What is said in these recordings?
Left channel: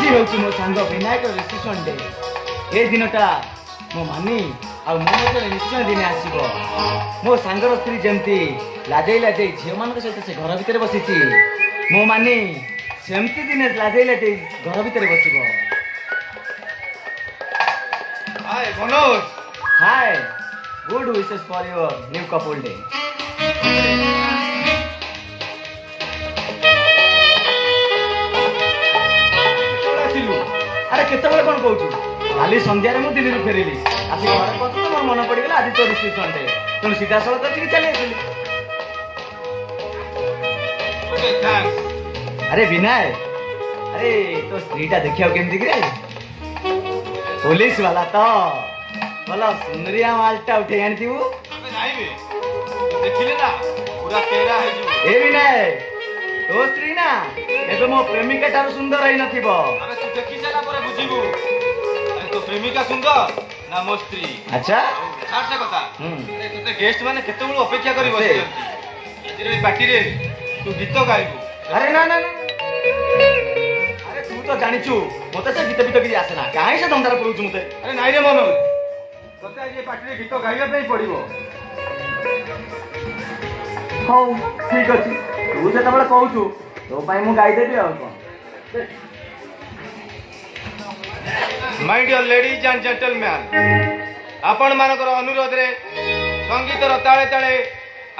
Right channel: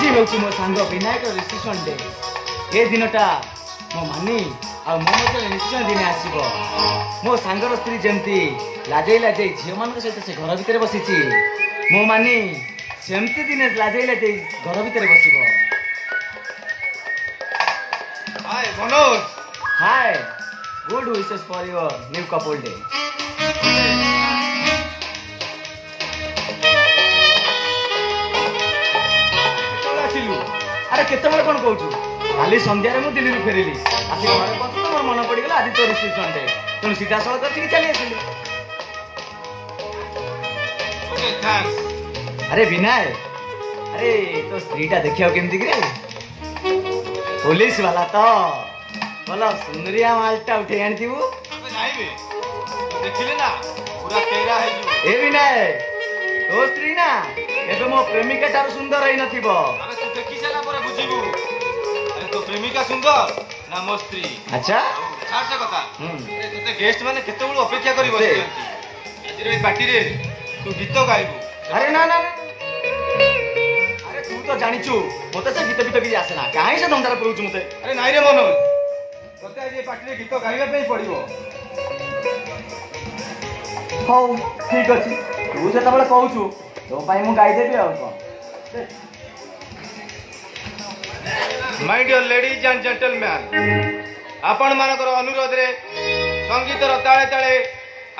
आज हूँ मो सांग विनायक रिसेप्शन डे। ये दिनटा मो मानी आ मो मध्य निश्चय दिने आसब। मो सांगर स्त्री जमती लाजई लाजई झील मान सहित से घर भितर बसी मो मानी सेमती दिने लाजई लाजई घर भितर बस। Hi Manoj. Hi, good wishes for your new couple day. अरे केत कौन कौन काली संध्यार मुझे दिल्ली फेरिली आस मोर मन पड़गला आज तो रिसेप्शन डे तुम सीधा सड़क चली आसिली। अरे विनाय, अरे तो स्त्रीटा देखा केमती कि पुलिस वाला तो भला सुंदरिया मालटा उठे आनी ए विनाय तो स्त्री ना ये तो मो प्रेमिका ठार सुंदर ही नथिबो। प्रेमिका सुंदर ना मो स्त्री। अच्छा सार कथा ते गेस्ट माने केते बेलू अपेक्षा करी बसे आज रे पार्टी रे तू गीत गाइबू। अरे ना ना अरे तू तो जानिचु मते से गीत भी आसेना काहे से दंडार करूछु मते। अरे नाइ रे मनोज तते आज पार्टी रे गीत गाइबा पे पड़िबो। हौ ठीक अछि तू से तबले कहूछु तो पाई मु गाई देबी आ कोन। My dear ladies and gentleman आपण मानकर अनुरोध रे संगीतर ताले ताले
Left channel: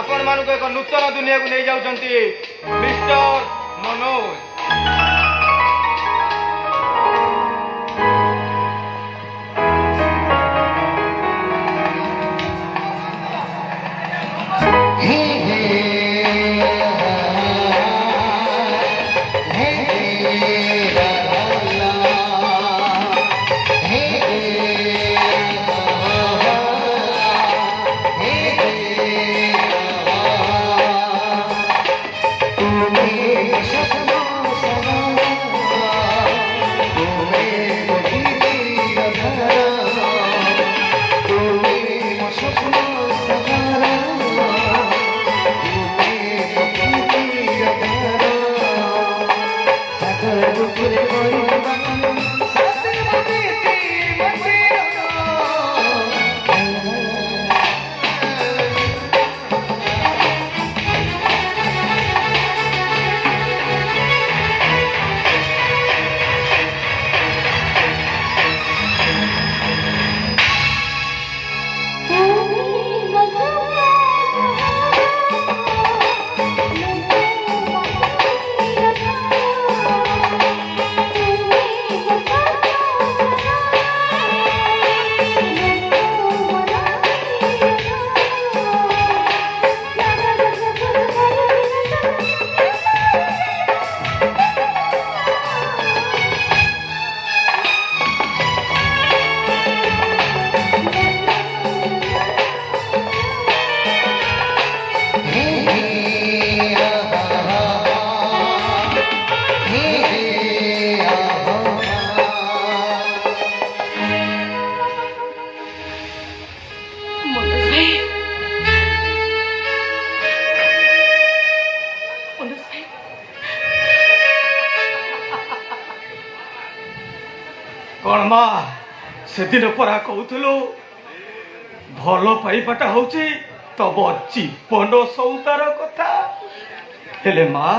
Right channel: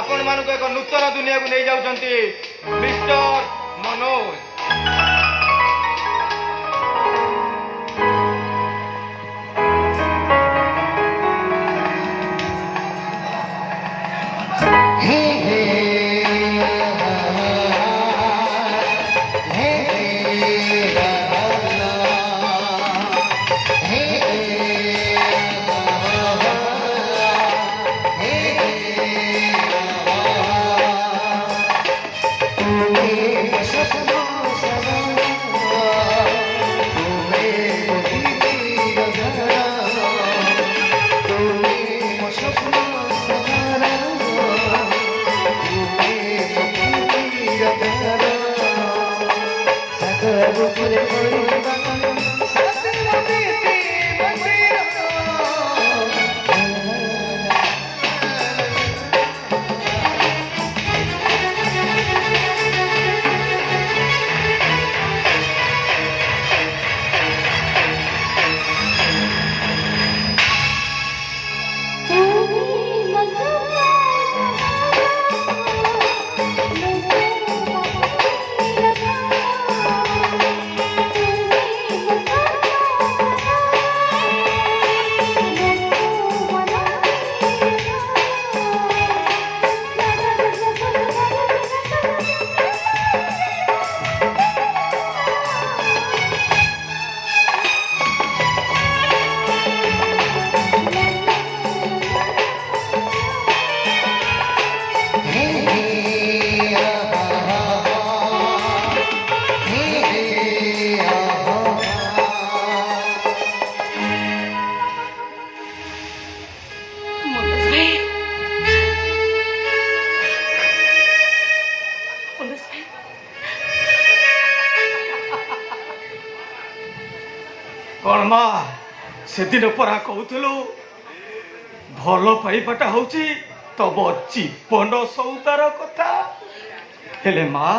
आपण मानक एक नूतन दुनिया को नहीं जाउछंती मिस्टर मनोज। कौन मा से दिन परा कहूलु भल पाइबाटा हूँ तब जीवन सौदार कथा हेले माँ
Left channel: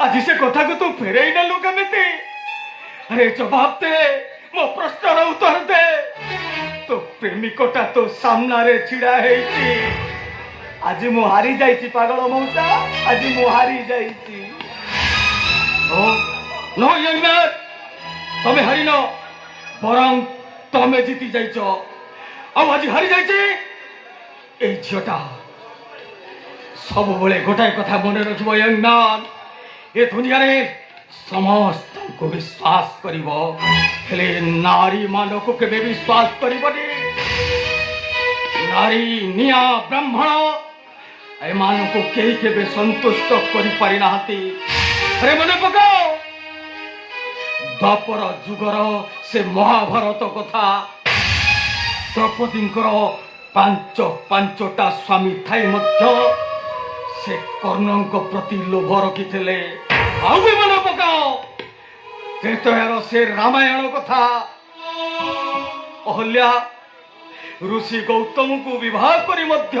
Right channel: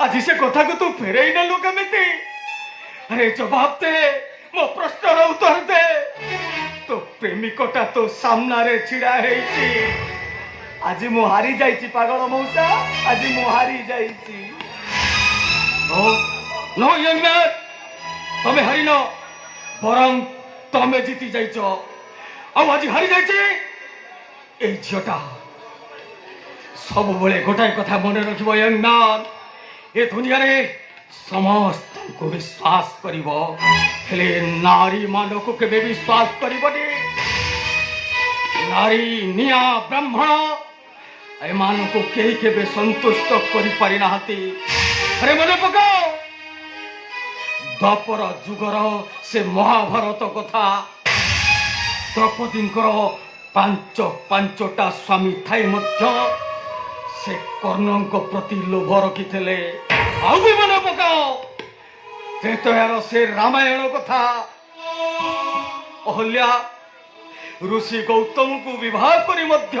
आज से कथा को तू फेरई नेलु केमिति। अरे जवाब दे मो प्रश्नर उत्तर दे। तो प्रेमिकटा तो सामने छिड़ा है आज मु हारी जाइछि पागल मौसा आज मु हारी जाइछि। नो यंग मैन तमे हारिल बरं तमे जीति जाइछ आज हारी जाइछि। ए झियोटा सब बेले गोटाए कथा मन रखिबो यंग मैन ए दुनिया रे समस्त को विश्वास करिबो हेले नारी मानक केबे विश्वास करिबोनी। नारी निया ब्राह्मण एमान को केही केबे संतुष्ट करि पारि नाहंती। अरे मन पकाओ द्वापर जुगर से महाभारत कथा द्रौपदींकर पांच पांचटा स्वामी थाई मध्य से कर्णों प्रति लोभ रखी मन पकाओ त्रेतयार से रामायण कथा अहल्या ऋषि गौतम को विवाह करी मध्य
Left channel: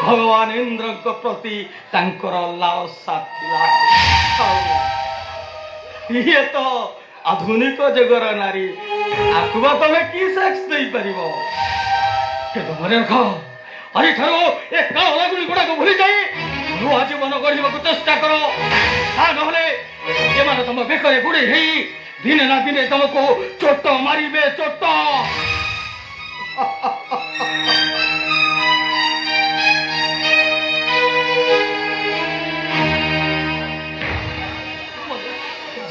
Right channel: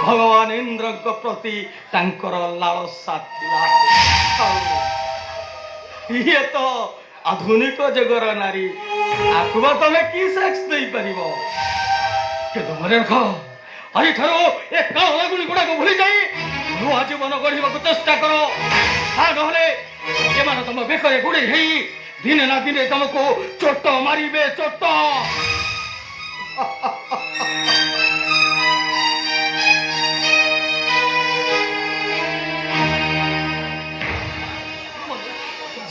भगवान इंद्र प्रति तांकर लालसा थिला। ये तो आधुनिक जगर नारी आकुआ तले की सेक्स दे परिबो के मने रख अरे ठरो ए काला गुली गुडा को भूली जाई नुआ जीवन गढ़िबा को चेष्टा करो तार गहले ये माने तुम बेकरे गुडी हेई दिन ना दिन तुमको चोट मारिबे चोट।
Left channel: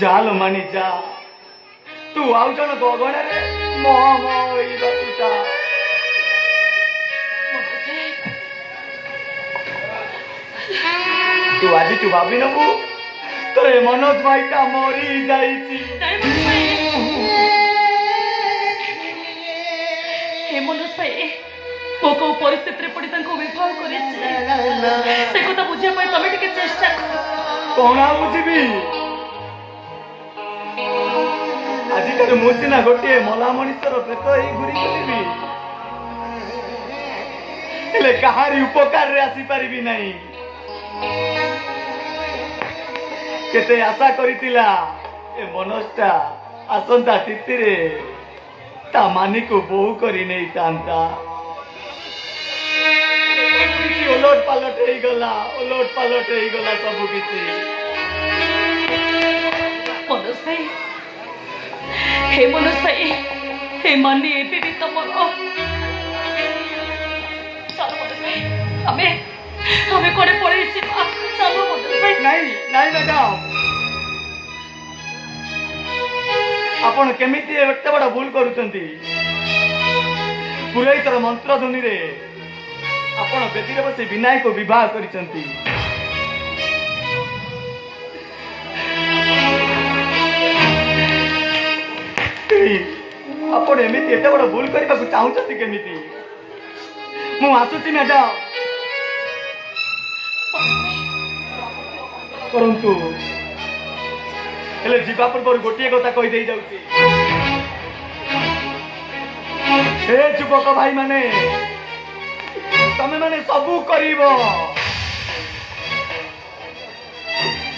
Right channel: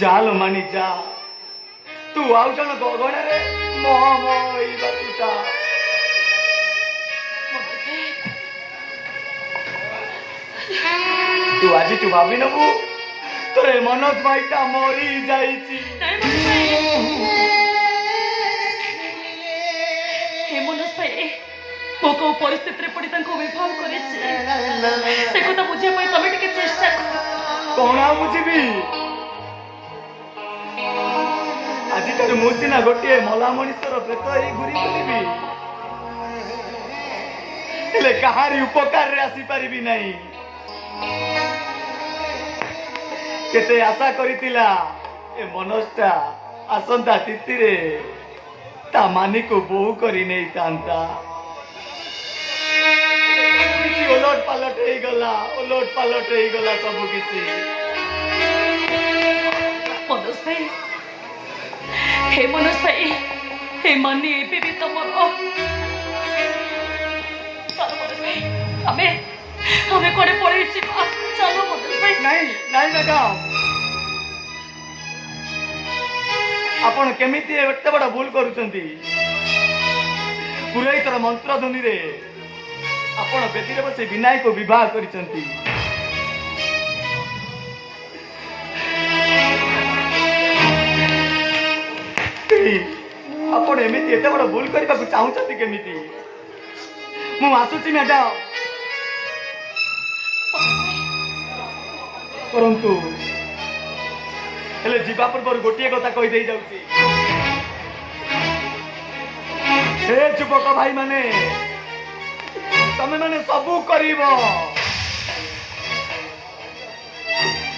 जाल मानी जा तू आउ जन गगन रे मोह मोह होई बतिता तू आज तू भाभी नबू तोरे मनोज भाईटा मरी जाईची। हे मनोज भाई तो को परिस्थिति रे पड़ी तांको विवाह करेछि से को तो बुझे पई तमे टिके चेष्टा करो कोना बुझिबी आଜି तोर मुसिना गोटे मला मनिषर प्रेत ही घुरी बुलिबी हेले कहारी उपकार रे आसी परिबी नाही केते आशा करितिला ए मनोजटा आसंता तिथिरे ता मानी को बोहू करी नहीं तांता ओलट पालट ही गला सब किसी। मनोज भाई हे मनोज भाई हे मानी एबे भी तमरो हमें हमें कोड़े पड़े छी चलो मनोज भाई नहीं मैडम आपण केमिति एते बड़ा भूल करूचंती पुरोहितर मंत्र ध्वनि रे आपण बेदीरे बसी विनायक को विवाह करिसंती आपण एमिति एते बड़ा भूल करबा को चाहुचंती केमिति मु आसुची ना जा परंतु हेले जीवा पूर्व गोटे कथा कही दे जाउची हे युवक भाई माने तमे माने सबू करिवो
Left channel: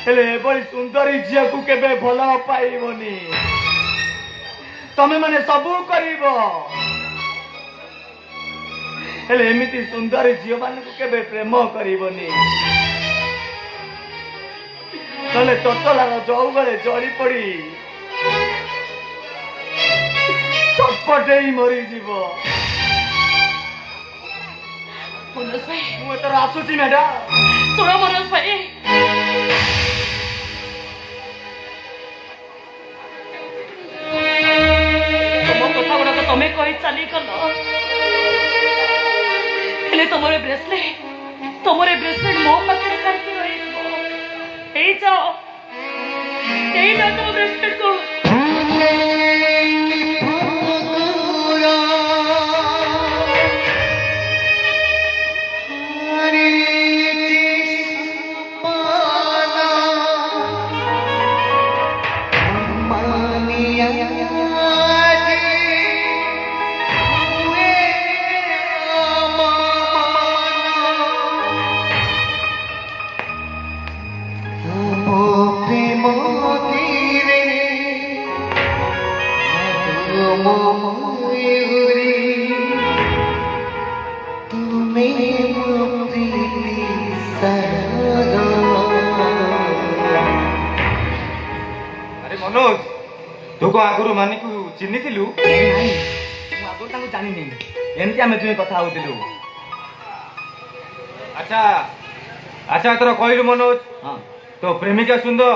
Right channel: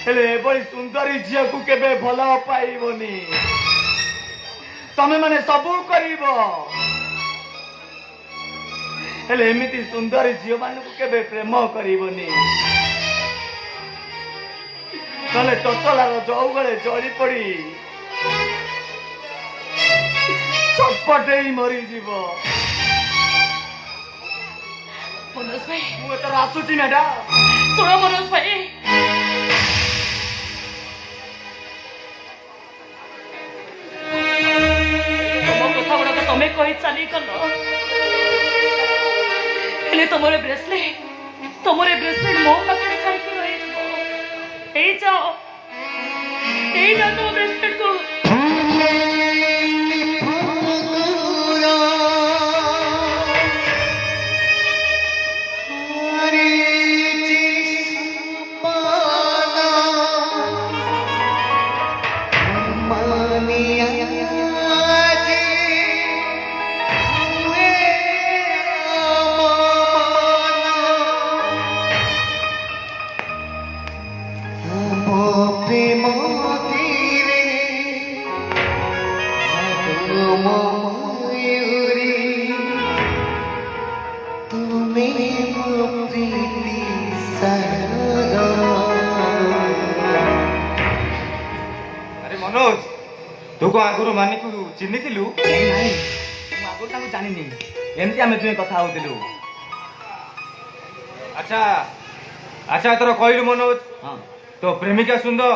हेले बड़ी सुंदरी झिया को केबे भला पाइबोनी तमे माने सबू करिवो हेले एमिति सुंदरी झिया माने को केबे प्रेम करिवोनी नले ततला जौगले जड़ी पड़ी चटपटे ही मरी जीव मनोज भाई मु एतर आसुची ना डा सुनो मनोज भाई तम कथा गुड़ा तो तमे कहि चली गल हेले तमरे ब्रेसलेट मो पाखरे खाइके रही ए जाओ तुम ब्रेसलेट को आगुरु मानी को चिन्ह थिलु आगुरु ताको जानि नै एमति आमे जुने कथा होतिलु। अच्छा अच्छा तोर कहलु मनोज हां तो प्रेमिका सुंदर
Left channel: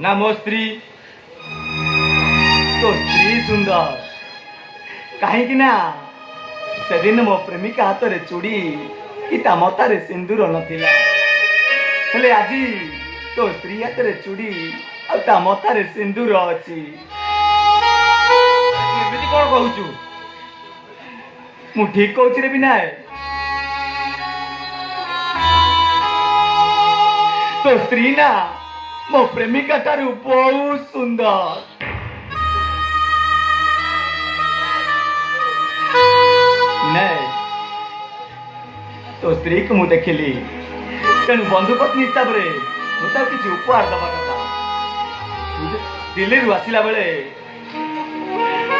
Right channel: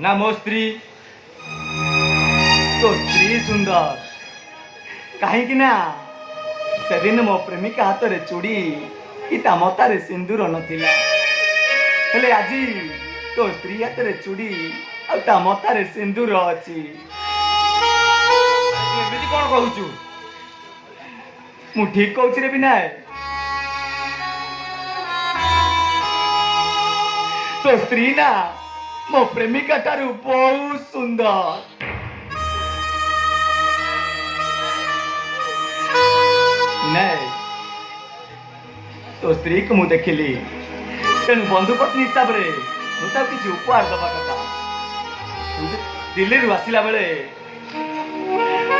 ना मो स्त्री तो स्त्री सुंदर कहीं कि ना सेदिन मो प्रेमिका हाथ रे चूड़ी इता मता रे सिंदूर नथिला हेले आजी तो स्त्री हाथ रे चूड़ी आ ता मता रे सिंदूर अछि एमिति कोन कहूचु मु ठीक कहूची रे बिना तो स्त्री ना मो प्रेमिका ठारू बहुत सुंदर। नहीं तो स्त्री को मुझे देखिली तेणु बंधु पत्नी हिसाब से मुझे किसी उपहार दवा कथा दिल्ली आसला बेले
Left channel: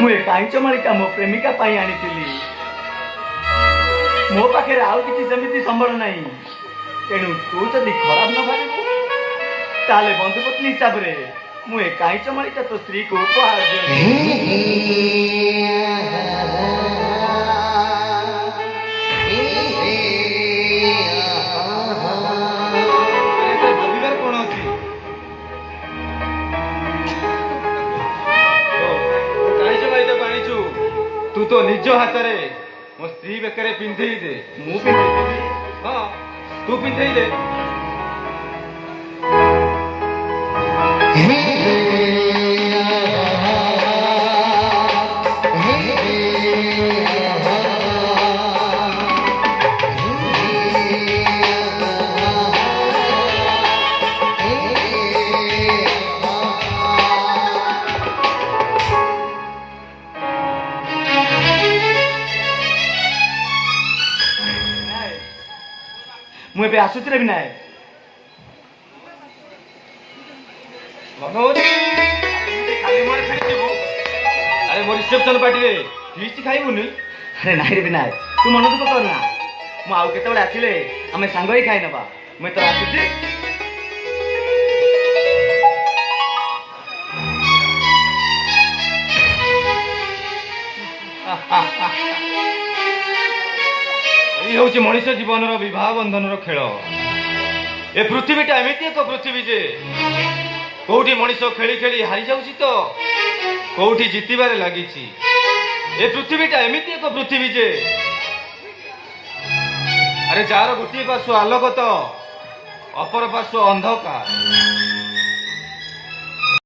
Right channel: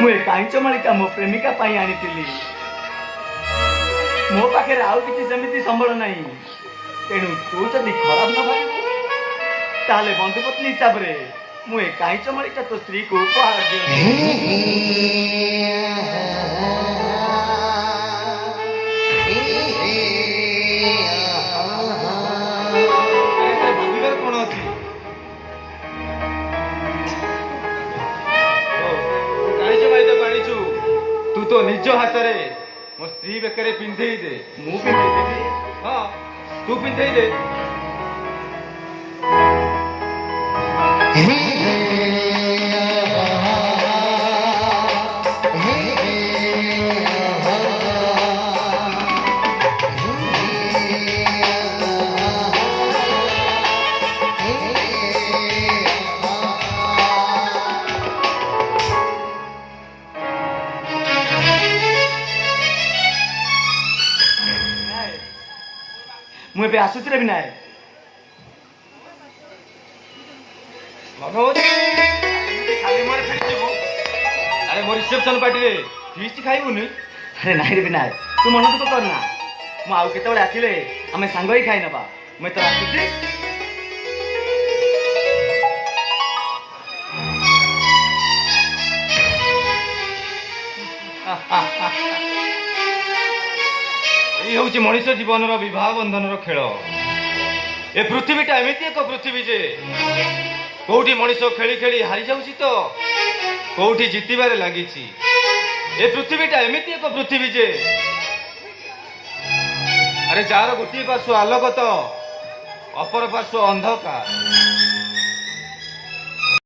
मुझे कांच मालिका मो प्रेमिका आनी मो पाखे आउ किसी सेमती संबल ना तेणु तू जदि खराब न भाव ताले बंधु पत्नी हिसाब से मुझे कांच मालिका तो स्त्री को उपहार तू तो निज हाथ रे मो स्त्री बेकरे पिंधे दे मु पिंधे हाँ तू पिंधे दे मुझे आसुच रे विनायक अरे मोर रिसेप्शन पार्टी रे फीस्ट खाइबुनी अरे नाई रे विनायक तू मन दुख करना मु आउ केते बडे आसिले आमे सांग ही खाइ नबा मैं तो आसुची ये हूँ मनुष्य जीवन विवाह बंधन खेल ए पृथ्वीटा एमती एक पृथ्वी जे कौटी मनीष खेली खेली हारी जाऊँ तो कौटी जितबार लगी ए पृथ्वीटा एमती एक पृथ्वी जे अरे जार गोटे पार्श्व आलोक तो अपर पार्श्व अंधकार